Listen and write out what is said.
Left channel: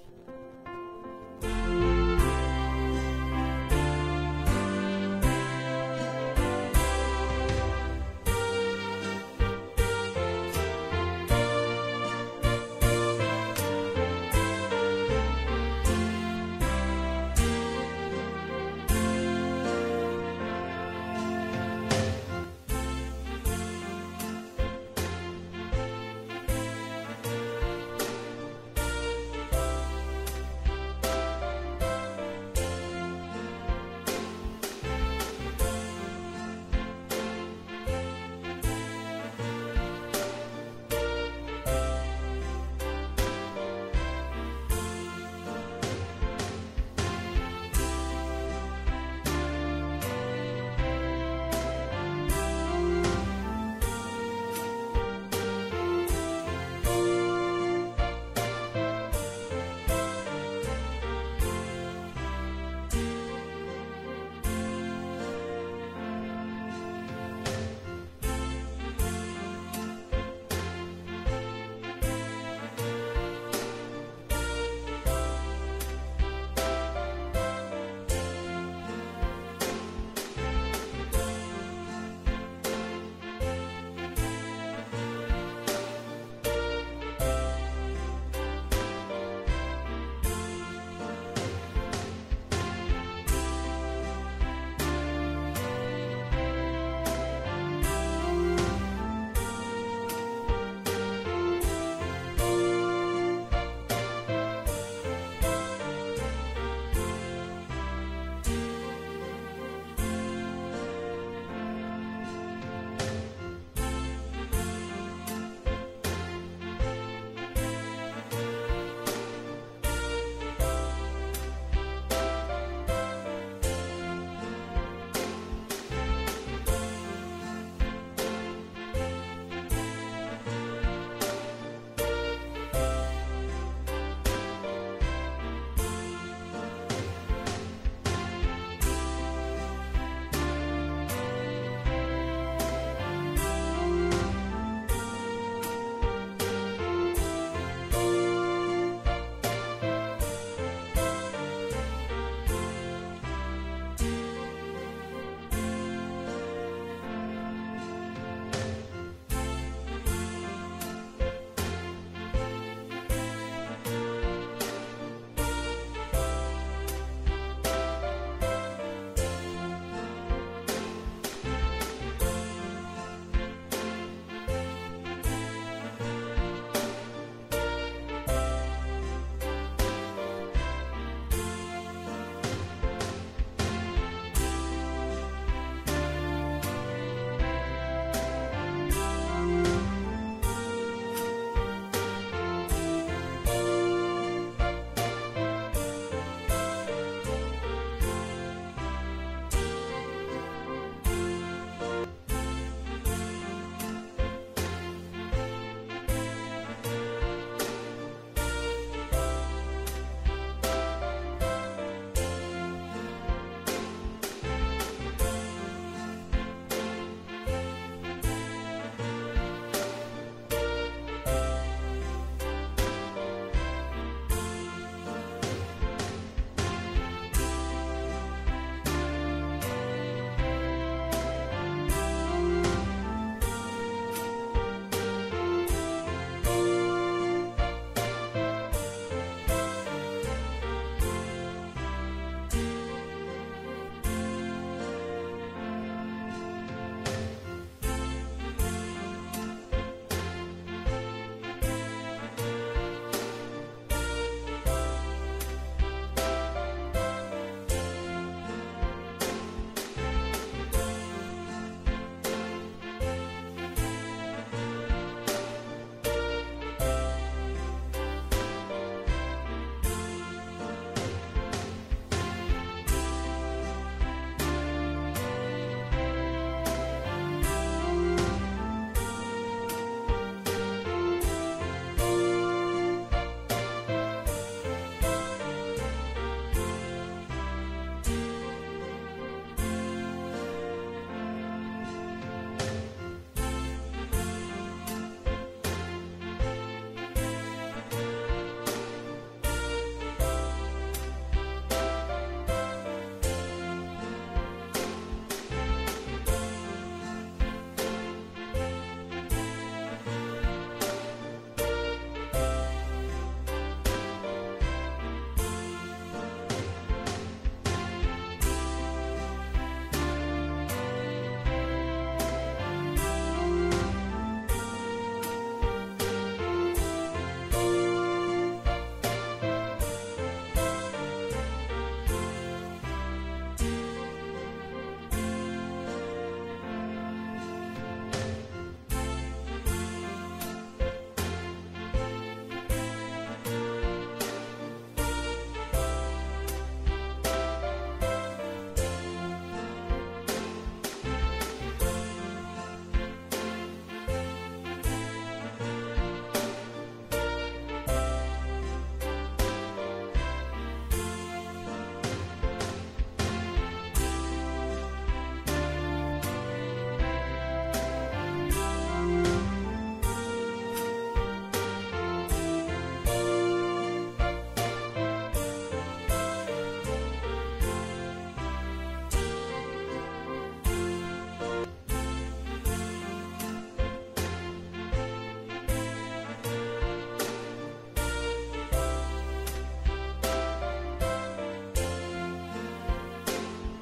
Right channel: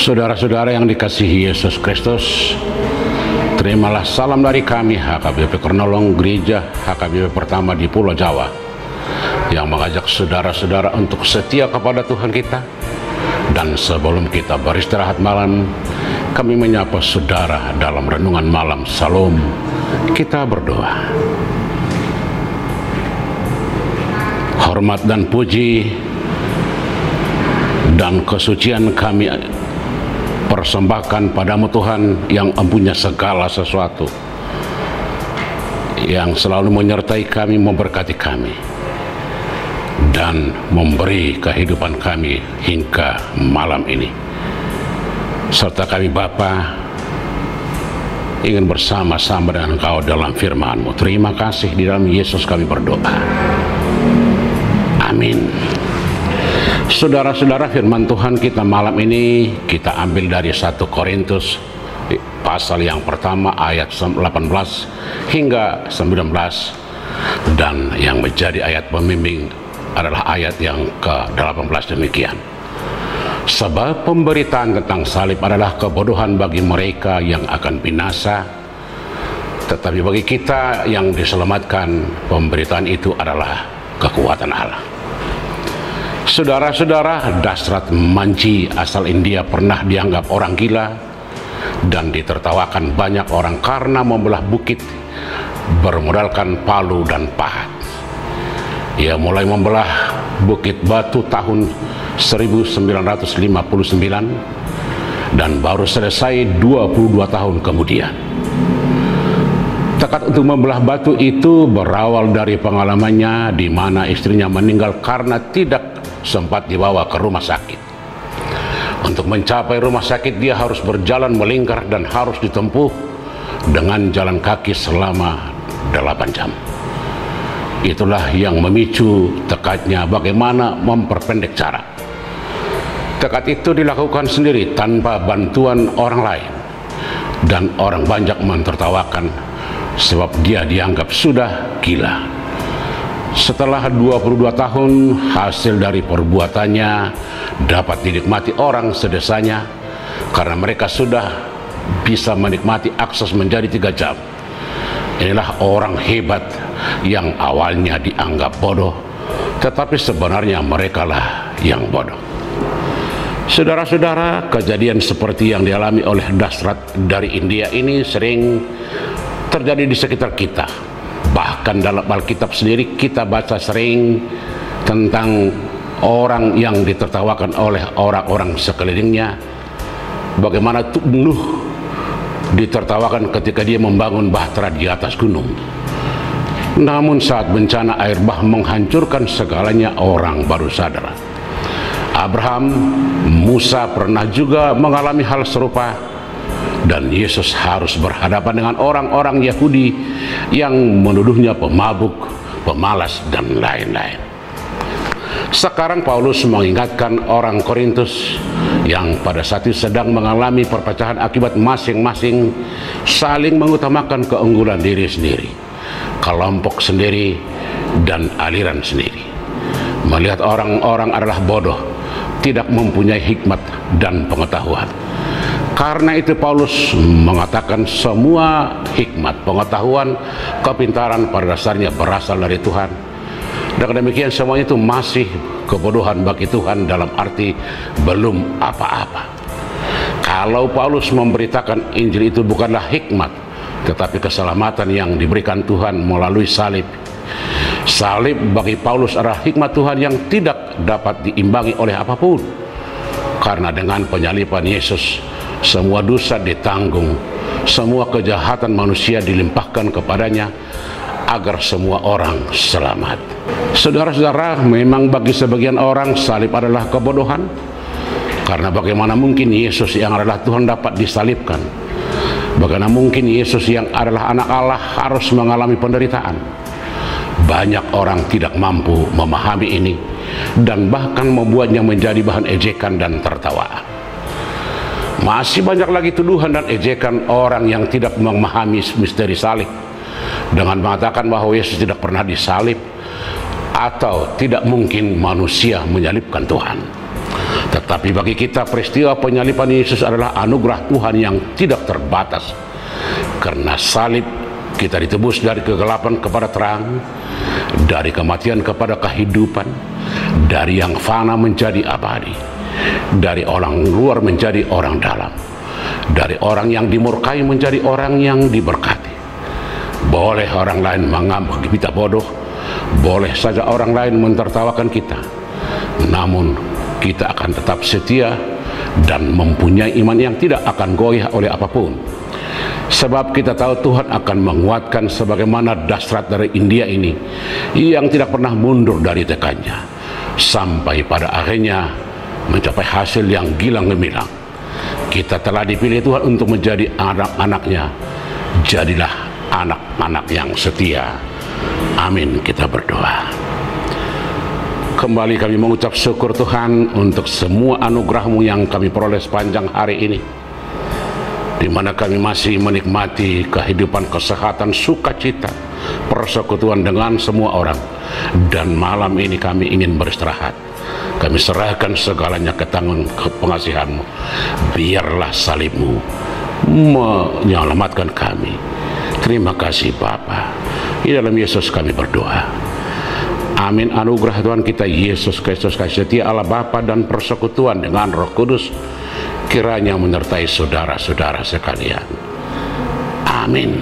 Saudara-saudara yang dikasihi Yesus Kristus, terimalah salam dari kami HKBP Kronolong Gereja HKBP pertama di Pulau Jawa, yang mengajak saudara-saudara untuk setia kepada Tuhan kita. Dan sebelum kita beristirahat malam, kami menyapa saudara dalam renungan malam Salam. Kita berdoa. Hormat dan puji dan kesucian kami persembahkan padamu Tuhan, yang mempunyai segala sesuatu, yang selalu menyertai kami, memberkati kami, dan memberi kehidupan kami hingga malam ini. Serta kami Bapa ingin bersama-sama dengan Engkau dalam firman-Mu. Terima kasih, di dalam Yesus kami berdoa. Amin. Saudara-saudara, firman Tuhan kita malam ini kita ambil dari 1 Korintus pasal yang pertama ayat 18 hingga 19, dan yang menjadi ayat pembimbing adalah ayat yang ke-18 demikian. Sebab pemberitaan tentang salib adalah kebodohan bagi mereka yang akan binasa, tetapi bagi kita yang diselamatkan, pemberitaan itu adalah kekuatan Allah. Saudara-saudara, Dasrat Manji asal India pernah dianggap orang gila dan ditertawakan banyak orang karena membelah bukit bermodalkan palu dan pahat. Ia mulai membelah Bukit Batu tahun 1959 dan baru selesai 22 tahun kemudian. Tekad untuk membelah batu itu berawal dari pengalamannya di mana istrinya meninggal karena tidak sempat dibawa ke rumah sakit. Untuk mencapai rumah sakit, dia harus berjalan melingkar dan harus ditempuh dengan jalan kaki selama 8 jam. Itulah yang memicu tekadnya bagaimana memperpendek jarak. Tekad itu dilakukan sendiri tanpa bantuan orang lain, dan orang banyak mentertawakan sebab dia dianggap sudah gila. Setelah 22 tahun, hasil dari perbuatannya dapat dinikmati orang sedesanya karena mereka sudah bisa menikmati akses menjadi 3 jam. Inilah orang hebat yang awalnya dianggap bodoh, tetapi sebenarnya merekalah yang bodoh. Saudara-saudara, kejadian seperti yang dialami oleh Dasrat dari India ini sering terjadi di sekitar kita. Bahkan dalam Alkitab sendiri kita baca sering tentang orang yang ditertawakan oleh orang-orang sekelilingnya. Bagaimana Nuh ditertawakan ketika dia membangun bahtera di atas gunung. Namun saat bencana air bah menghancurkan segalanya, orang baru sadar. Abraham, Musa pernah juga mengalami hal serupa, dan Yesus harus berhadapan dengan orang-orang Yahudi yang menuduhnya pemabuk, pemalas, dan lain-lain. Sekarang Paulus mengingatkan orang Korintus yang pada saat itu sedang mengalami perpecahan akibat masing-masing saling mengutamakan keunggulan diri sendiri, kelompok sendiri, dan aliran sendiri. Melihat orang-orang adalah bodoh, tidak mempunyai hikmat dan pengetahuan. Karena itu Paulus mengatakan semua hikmat, pengetahuan, kepintaran pada dasarnya berasal dari Tuhan. Dan demikian semuanya itu masih kebodohan bagi Tuhan, dalam arti belum apa-apa. Kalau Paulus memberitakan Injil itu bukanlah hikmat, tetapi keselamatan yang diberikan Tuhan melalui salib. Salib bagi Paulus adalah hikmat Tuhan yang tidak dapat diimbangi oleh apapun. Karena dengan penyaliban Yesus, semua dosa ditanggung, semua kejahatan manusia dilimpahkan kepadanya agar semua orang selamat. Saudara-saudara, memang bagi sebagian orang salib adalah kebodohan, karena bagaimana mungkin Yesus yang adalah Tuhan dapat disalibkan? Bagaimana mungkin Yesus yang adalah anak Allah harus mengalami penderitaan? Banyak orang tidak mampu memahami ini dan bahkan membuatnya menjadi bahan ejekan dan tertawaan. Masih banyak lagi tuduhan dan ejekan orang yang tidak memahami misteri salib dengan mengatakan bahwa Yesus tidak pernah disalib atau tidak mungkin manusia menyalibkan Tuhan. Tetapi bagi kita peristiwa penyaliban Yesus adalah anugerah Tuhan yang tidak terbatas. Karena salib kita ditebus dari kegelapan kepada terang, dari kematian kepada kehidupan, dari yang fana menjadi abadi, dari orang luar menjadi orang dalam, dari orang yang dimurkai menjadi orang yang diberkati. Boleh orang lain menganggap kita bodoh, boleh saja orang lain mentertawakan kita, namun kita akan tetap setia dan mempunyai iman yang tidak akan goyah oleh apapun. Sebab kita tahu Tuhan akan menguatkan sebagaimana Dasrat dari India ini yang tidak pernah mundur dari tekadnya, sampai pada akhirnya mencapai hasil yang gilang gemilang. Kita telah dipilih Tuhan untuk menjadi anak-anaknya. Jadilah anak-anak yang setia. Amin, kita berdoa. Kembali kami mengucap syukur Tuhan untuk semua anugerah-Mu yang kami peroleh sepanjang hari ini, di mana kami masih menikmati kehidupan, kesehatan, sukacita, persekutuan dengan semua orang. Dan malam ini kami ingin beristirahat. Kami serahkan segalanya ke tangan pengasihan-Mu. Biarlah salib-Mu menyelamatkan kami. Terima kasih Bapa. Di dalam Yesus kami berdoa. Amin. Anugerah Tuhan kita Yesus Kristus, kasih setia Allah Bapa dan persekutuan dengan Roh Kudus kiranya menyertai saudara-saudara sekalian. Amin.